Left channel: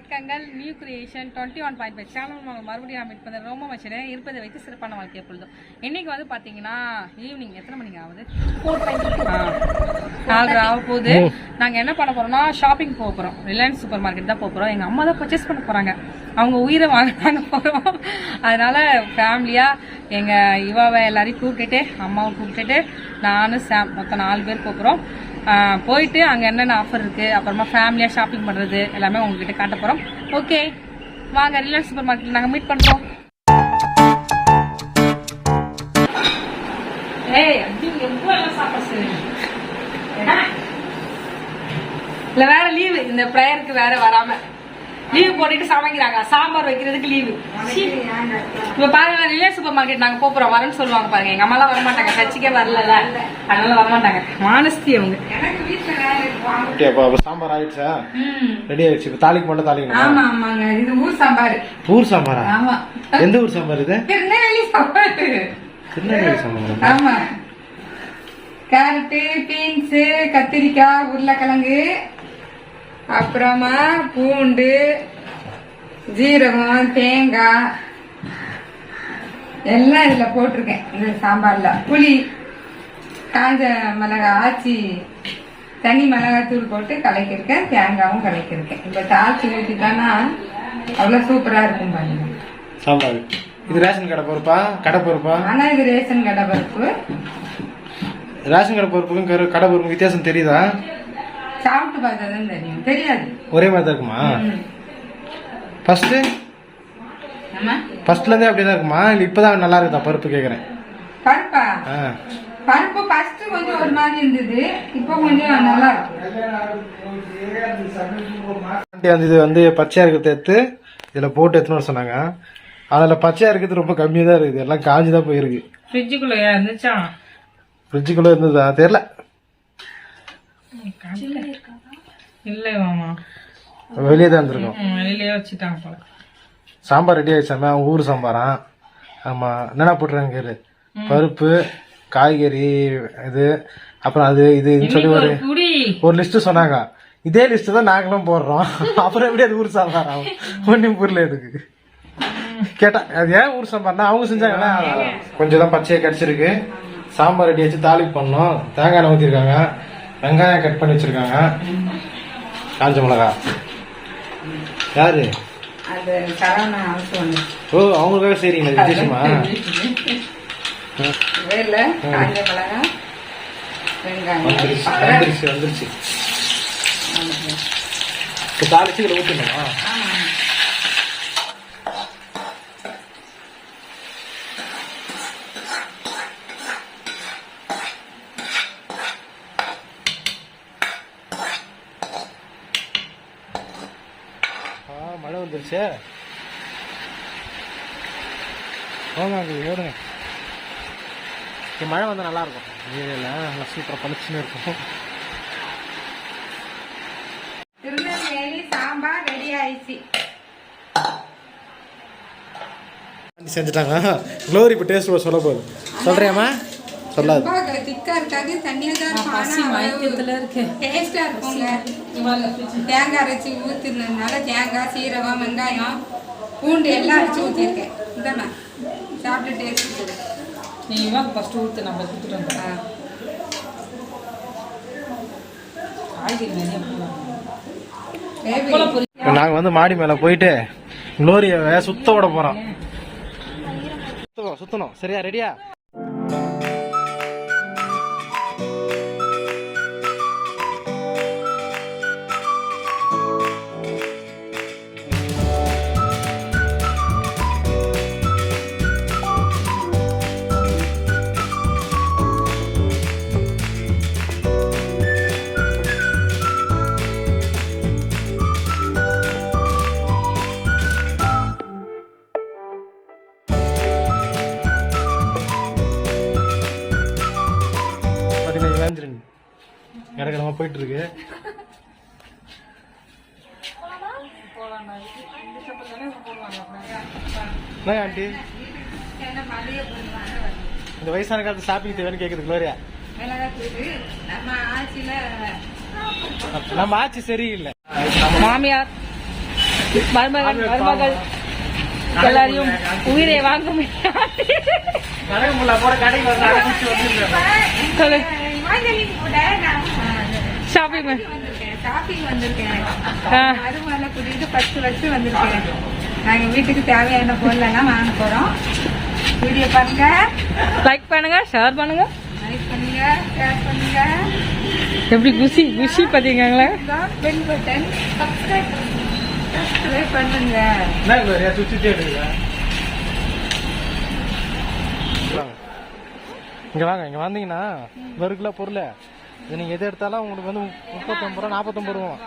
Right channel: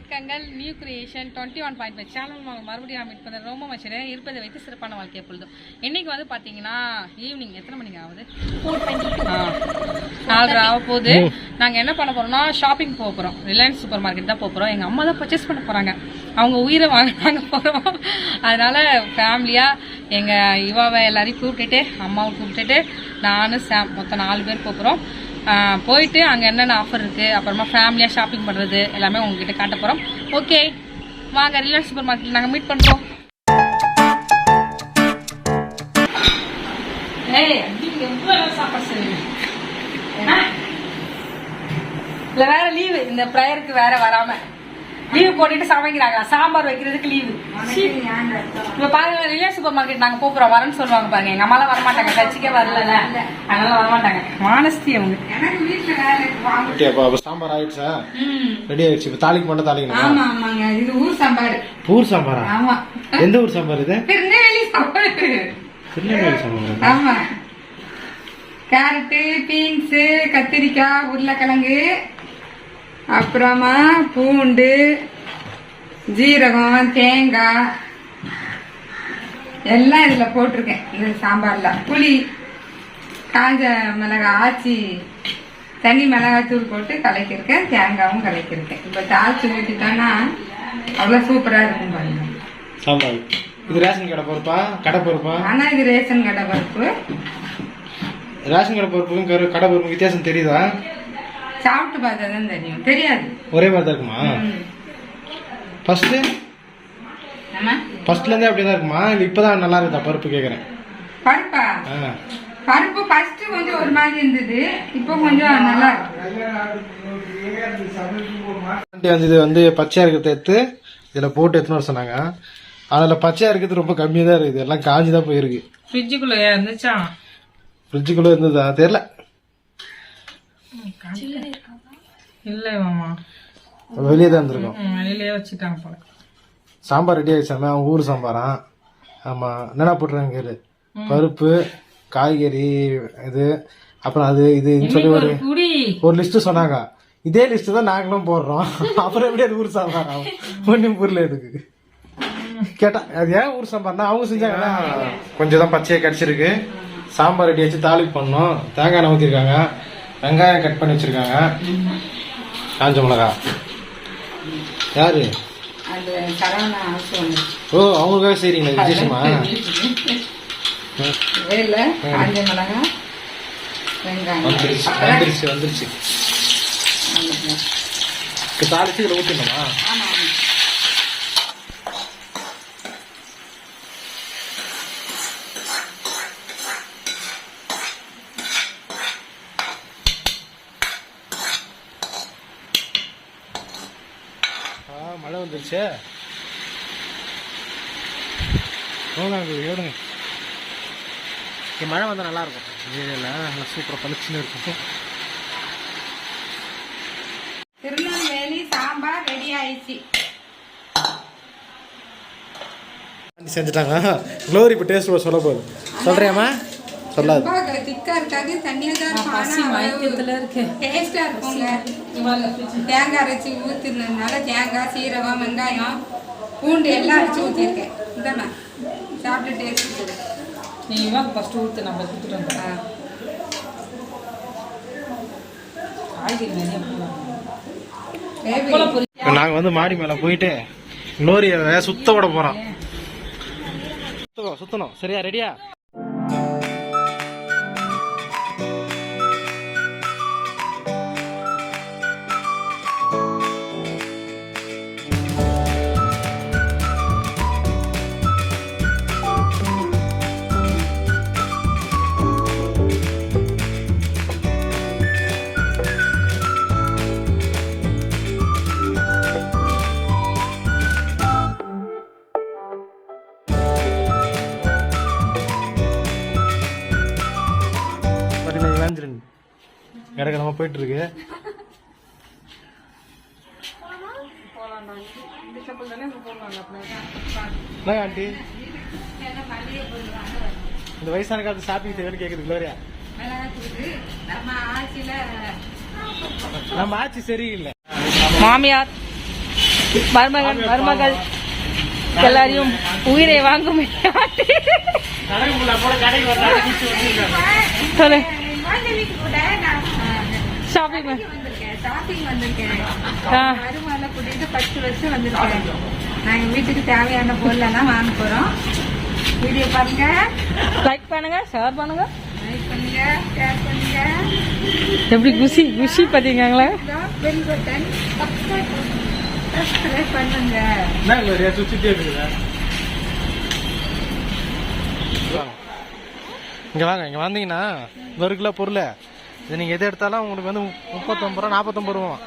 வணக்கங்கள். New creation 21.5 channel மறுபடியும் meet பண்ண ரொம்ப மச்சினேன். இருப்பதை வைத்து சிறப்பான வாழ்க்கை எப்பொழுதும். இன்னைக்கு வந்து பார்த்தீங்கன்னா ஈவினிங் எத்தனை மணிக்கு ஆகுது? 4:30 ஆக போகுது. நாங்கள் என்ன பண்ண போகிறோம்னா ஷாப்பிங் போக போகிறோம். ரிலையன்ஸ் சூப்பர் மார்க்கெட் தான் போக போகிறோம். எங்கள் அம்மா தான் பர்ச்சேஸ் பண்ண போகிறாங்க. அவங்க உயிரை வாங்க போகிறோம். அதனால ஃபேமிலியாக எங்கள் இவாவை எல்லாரையும் கூப்பிட்டுட்டு அம்மாவை கூப்பிட்டுட்டு நானும் சாம் மொத்தம் 4 பேர் போகிறோம். போயிட்டு அங்கே என்னென்ன ஆஃபர் இருக்குது, அப்புறமா ஃபேமிலியாக ஷாப்பிங் பண்ணுறது எல்லாமே உங்ககிட்ட காட்ட போகிறோம். ஓகே வாங்க, ரிலையன்ஸ் சூப்பர் மார்க்கெட்டில் நாங்கள் மீட் பண்ணுறோம். இல்லை வேற லீவு, இந்த ப்ரேயருக்கு வேற வராம லீவு போட்டுட்டு சமைக்கிறாங்க. சாம்பார் வைக்கிறதுக்கு லீவு. இப்ப பாருங்க, ரிலையன்ஸ் சூப்பர் மார்க்கெட் நாங்க போறோம் வரேன்னு சொல்லுவாங்க பாருங்க. எங்க அம்மாலாம் வரமாட்டாங்க, சர்ச்சுக்கே வரல, அதனால வரமாட்டாங்க. மானஸ்தி அவங்க. சாம்பார் ஆயிடுச்சா? ரெடி ஆயிடுச்சு. இப்ப தாளிக்கு மட்டும் தாளிக்கணும். ஆமா ஆமாங்க, இது ஊர் சாம்பார். ஊர் சாம்பாரா? ஆமா. எந்த ஊர் சாம்பார் இது? திருநெல்வேலி சாம்பார். திருநெல்வேலி சாம்பார். ஆமா. கேரட்டு, பீன்ஸ், கத்திரிக்காய், உருளைக்கிழங்கு, அப்புறமா பூண்டு, ஜீரகம், தேங்காய் எல்லாம் இதுல போட்டிருக்கேன். இந்த சாம்பார்ல புளி, காஞ்ச மிளகாய் ஆச்சி, தனி மிளகாய் தூள் போட்டு கலக்கிருக்கேன். தேங்காயும் கலக்கிருக்கேன். இப்ப தாளிச்சு ஊத்திட்டோம்னா அவ்வளவு சூப்பரா இருக்கும் பாருங்க சாம்பார். இது ரேஷன் கடை பருப்பா? கடை பருப்பா? ஆனா இது ரேஷன் கடை பருப்பு. ரேஷன் கடை பருப்புக்கும் கடை பருப்பு வித்தியாசம் தெரியுதா? சாப்பிட்டு பார்த்தாதான் தெரியும். தெரியாது, ஒரே மாதிரி தான் இருக்குமா? ஃபர்ஸ்ட்ல இருந்தே அப்படிதான் இருக்குமா இல்ல இப்பதான் நல்லா இருக்குதா பருப்பு கேக்குறேன்? பருப்பா? பருப்பு ஃபர்ஸ்ட் கொஞ்சம் ஒரு மாதிரி இருந்தது, இப்போ கொஞ்சம் நல்லா இருக்கு. இது வந்து பச்சையா இருக்கிறத எடுத்து இதுல போட்டு எடுத்துன்னு வர சொன்னாங்க. அதுல பச்சையா இருக்கிறது ரொம்ப கம்மியா தான் இருக்குது, எல்லாம் காஞ்சிதான் போயிருக்கு. ஃப்ரிட்ஜுக்குள்ள இருந்துச்சா? ஃப்ரிட்ஜுக்குள்ள இருந்ததா தெரியல. இல்ல மாமா, வெளியே தான் இருந்திருக்கும். வெளியிலேயே வச்சுட்டாங்க போல. சாம்பார் ரெடி ஆயிடுச்சாம? அவங்க ஊர் சாம்பாரா? ஆமா. என்னென்ன போட்டுருக்காங்க? பருப்பு, காய்கறி, இது அப்புறம் அது இதுன்னு சொல்லி ஒரு லிஸ்ட் சொன்னாங்க. இதே லிஸ்ட் தான் நாங்களும் போடுறோம். அப்புறம் எப்படி அது ஊர் சாம்பார் ஆகும்? ஒன்னும் புரியல எதுக்கு கேட்டா. அது ஏன் ஊர் சாம்பார்னா அவங்க செஞ்சாங்கன்னா கொஞ்சம் தான் பச்சையா கிடைச்சிருக்கு. சாம்பார் ரெடி ஆச்சு, தாளிப்பு பண்ணோம். தேங்காய் எண்ணெய் ஊற்றிருக்காங்க, வெங்காயம் கட் பண்ணி வச்சிருக்காங்க, காஞ்ச மிளகா. யாரு? ஓ, அவங்களுக்காக செய்றீங்களா விசேஷமா? வந்துருச்சு வந்துருச்சு. இப்போ தாளிச்சு இதில் ஊற்றிடணுமா? மழை வந்துருச்சு. ஓடுங்க. மழை வந்தா நல்லா இருக்கும். ஏரியால நல்லா சூப்பரா பளிச்சுன்னு இருக்கும். திருநெல்வேலி சாம்பார் ரெடி ஆயிடுச்சு. செஞ்சுட்டாங்க. க்ளோரி இப்போ டேஸ்ட் சொல்ல போகுது. சொல்றியாமா? சொல்லாது. திக்கா இருக்காது, தண்ணியா தான் இருக்கும். டேஸ்டா இருக்குங்க. தேங்காய் அரைச்சி ஊத்துனதுனால தேங்காய், சீரகம், வெங்காயம், பூண்டு எல்லாம் அரைச்சி ஊற்றிருக்கேன். இதாண்ணா சாப்பிட்டு டேஸ்ட் கொடு. நீங்க ஃபர்ஸ்ட் ஊத்து, நம்ம கொடுத்துட்டோம். நாங்க வந்து மாடி மேல போயிட்டு க்ளோரியை சுத்த விட போறோம். சுத்தணும். சரியா? ரெடியா? இறக்கணமா போயிட்டு இருக்கு. ஆண்டி இந்த வயசான காலத்து ஷாப்பிங் தேவைன்னு கேக்குது க்ளோரியா. நம்ம ஆட்சி சரியில்லை. மாமியார் மருமகள் எல்லாரையும் உயிரை வாங்க ஷாப்பிங் வந்திருக்கேன். மருமகளை கூட்டிட்டு 10 வருஷம் வந்திருக்கேன். நாங்க வீட்டுக்கு தேவையான பொருள் எல்லாம் வாங்க போறோம். வீடியோ பாருங்க, லைக் பண்ணுங்க, ஷேர் பண்ணுங்க, லைக் பண்ணுங்க, ஷேர் பண்ணுங்க. எப்படி குஷி குஷி பாத்தீங்களா? பெல் பட்டன் சப்ஸ்கிரைப் பண்ணுங்க. இங்க வாங்க, இங்க வந்தீங்கன்னா 1 கிலோ பொருள் இது நீங்க எது எடுத்தாலும் உங்களுக்கு வந்து 39 ரூபா 49 ரூபா.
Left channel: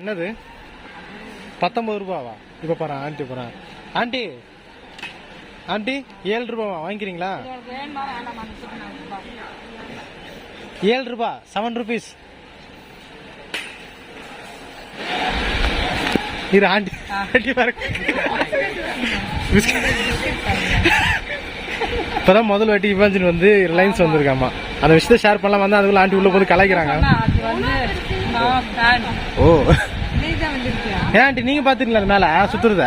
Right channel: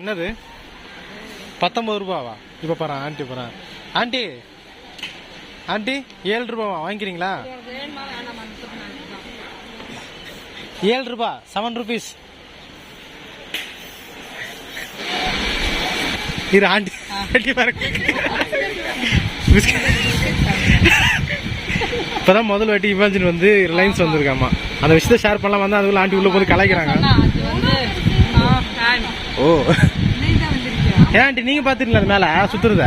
என்னது 19 ரூபாவா? இப்ப பாரு ஆண்டி போறேன். ஆண்டி ஆண்டி 7 ரூபாவா? வாங்கிக்கிறீங்களா? 7 ரூபா 7 rupees. இது ஆண்டி ஆண்டி பாருங்க. இப்பதான் முதல் வாட்டி இவாஞ்சின் வந்து ரிலையன்ஸ் வந்திருக்காமா. அந்த விஷயத்த ஷேர் பண்ணலாம் வந்து அதுக்குள்ள ஆண்டி உள்ள போது கலாய்க்கிறாங்க. ஓ ஏன் ஆண்டி நீங்க பாத்துருக்கீங்களா அது மேல சுத்துறத?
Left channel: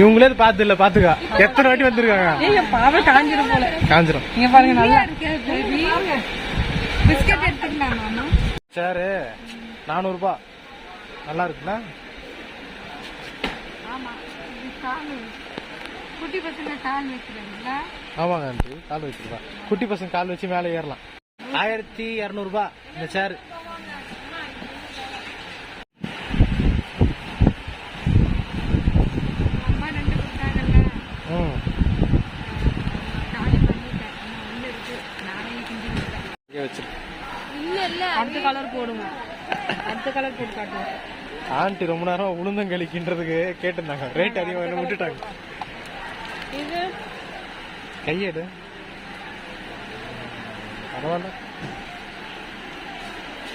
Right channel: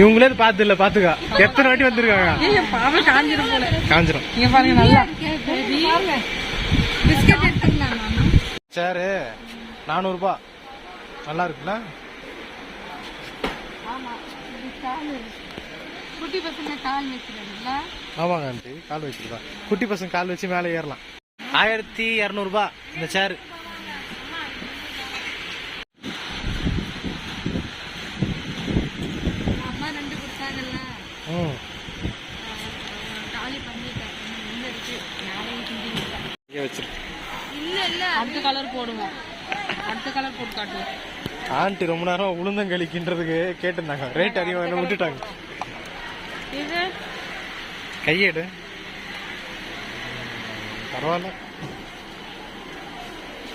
இவங்களே பாத்து இல்ல பாத்துக்கா எத்தனை வாட்டி வந்திருக்காங்க. காஞ்சிரும். சரி 400 ரூபா நல்லா இருக்குல்ல? குட்டி பசங்க கால் வைக்கிறாங்களா? ஆமாங்க ஆண்டி கால் வச்சிருப்பா. குட்டி பசங்க கால் வச்சு மேலே ஏறலாம். 1200 ரூபா இந்த சேர். அம்மா 2 கொடுத்தாங்கல்ல, காலி பண்ணிட்டேன். வந்து இருக்கு இங்கே வச்சிருக்கு. இல்ல இல்ல அடுத்த கலர் போடுங்க, அடுத்த கலர் போட்டு காட்டுவோம். ஆண்டி ரொம்ப நேரம் உளுந்தங்களிக்கின்றதுக்கு கேட்டிருந்தாங்க. ரேட் அதிகமாக என்ன விட்டுட்டாங்க. இது கையேடு பரவாயில்ல.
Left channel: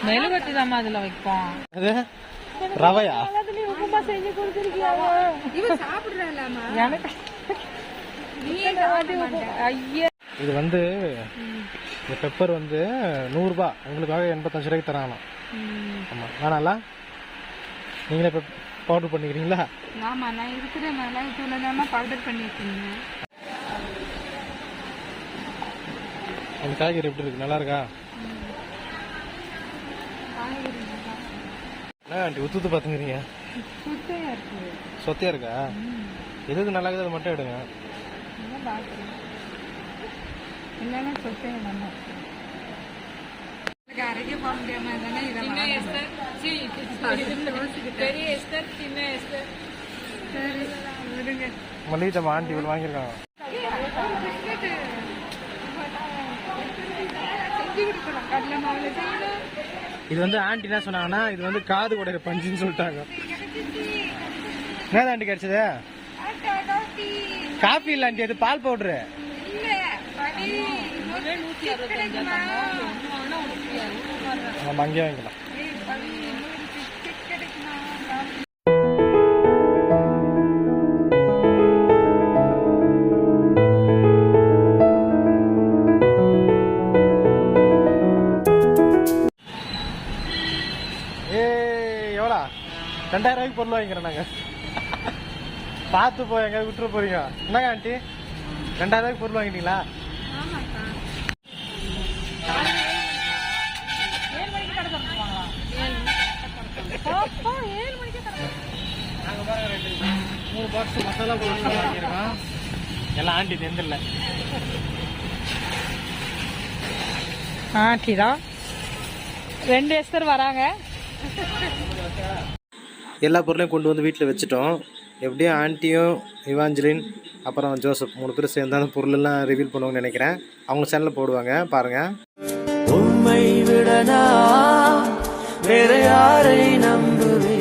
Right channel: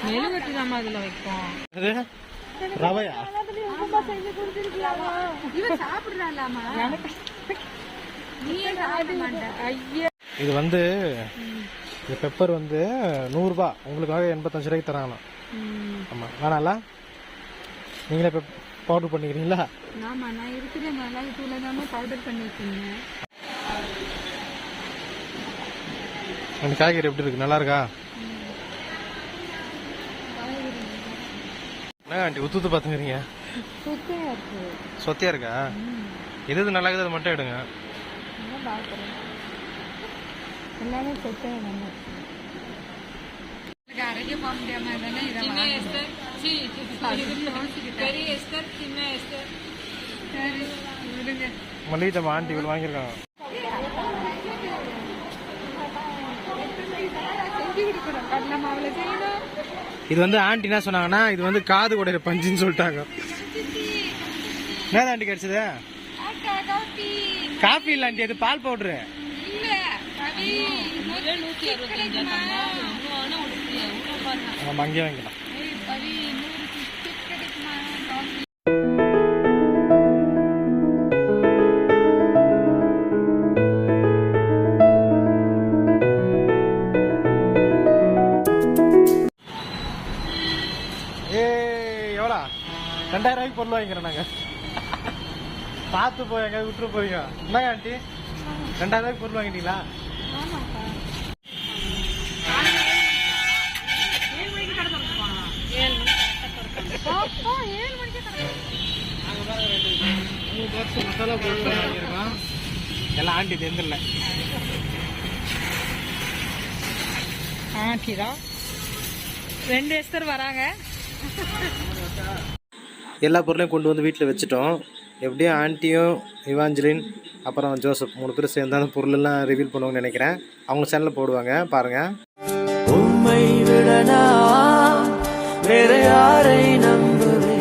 மெழுகுவர்த்தி தான் அதுல வைப்போம். அது ரவையா? இவன் சாப்பிடுறாளாமா? இது வந்து இந்த பெப்பர் வந்து 100 ரூபா, உங்களுக்காக 85 ரூபாய்க்கு தராங்களாம். ஆமா வேணாம்ல? நீங்களே பவுடர் பண்ணிக்கிறீங்களா? ஆமா நான் இருக்கிற மிளகாய் தூளை தான் பவுடர் பண்ணி வச்சிருந்தேன். அந்த காய்கறி எப்படி இருக்கு? நல்லா இருக்கா? என்ன ஆண்டி உத்து பாத்துக்கிறீங்க? சொத்தையா இருக்கா? எது நல்லா இருக்குது அது மட்டும் எடுங்க. எல்லாமே சொத்தையா அரைக்க போக முடியாம தானே இதெல்லாம் பெரிய எஸ்டர் சின்ன எஸ்டர் மல்லிகை ஜாமான் ஆண்டி இவள் வாங்கியிருக்காங்க. இது வந்து ஆண்டி என்ன சொன்னாங்கன்னா இது வந்து காது உடையிற பஞ்சுன்னு சொல்லிட்டாங்க. என்ன ஆண்டி கிடைச்சது? காஃபி இல்ல ஆண்டி, அது பால் பவுடரு. நம்ம அங்கேயே வாங்கிக்கலாம். எவ்வளோ 2000 ரூபாய்க்கு பொருள் வாங்கிக்கிறோம் நாங்க. பார்த்து போய் எங்க விட்டுற போறீங்க. என்னங்க ஆண்டி 2000 ரூபாய்க்கு பொருள் வாங்கிட்டீங்களா? மசாலா பொருள் வாங்கியிருக்கோம். எல்லாம் ஆண்டி தெரிஞ்சிடல. ஆண்டி தான் 2 எஸ்டர் வராங்க. எல்லா பொருளையும் கொண்டு வந்து வீட்டில் வச்சுட்டோம். எப்படியும் ஆண்டியும் இவாஞ்சலின் அப்புறம் ஜோசப் 3 பேரும் சேர்ந்து அந்த பொருளெல்லாம் ரிவீல் பண்ணுவாங்கன்னு நினைக்கிறேன். அவங்க சேனலில் போடுவாங்க பாருங்கள். உம்மை விடனா வேற யாரை நம்புவேன்?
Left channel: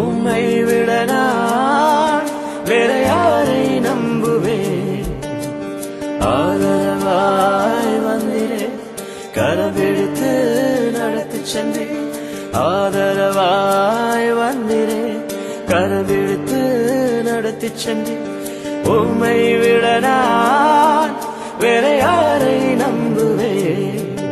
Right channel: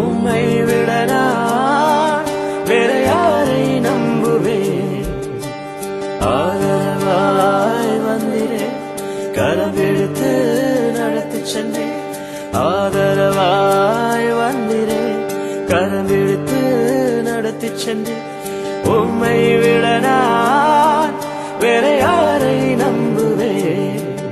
உம்மை விடனா வேற யாரை நம்புவேன்? ஆதரவாய் வந்திரே கரபிடித்து நடத்தி சென்றேன். ஆதரவாய் வந்திரே கரபிடித்து நடத்தி சென்றேன். உம்மை விட